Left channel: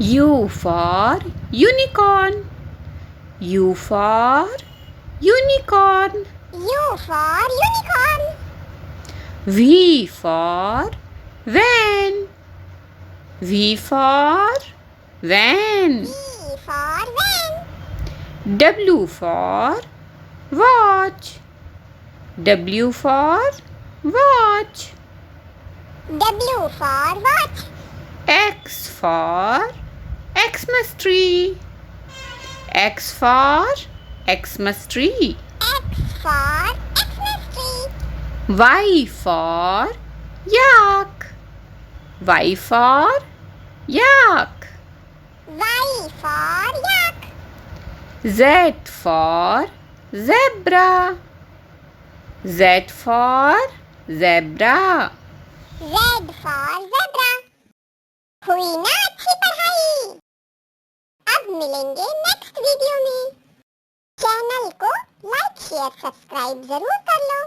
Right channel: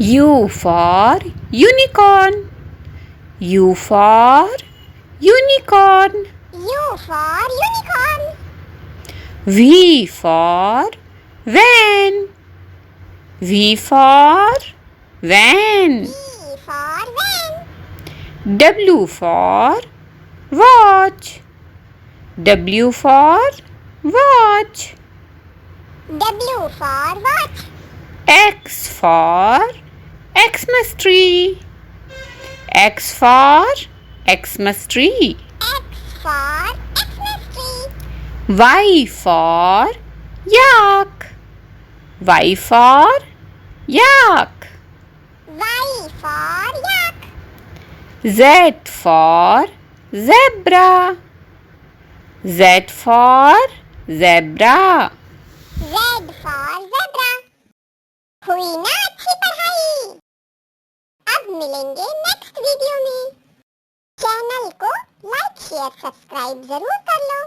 U for unicorn. U for unicorn. U for unicorn. V for van. V for van. V for van. W for watch. W for watch. W for watch. X for Xmas tree. X for Xmas tree. X for Xmas tree. Y for yak. Y for yak. Y for yak. Z for zebra. Z for zebra. Z for zebra. हुई ना अच्छी पढ़ाई। अब मिलेंगे next video में। Channel को like share subscribe जरूर कर लो।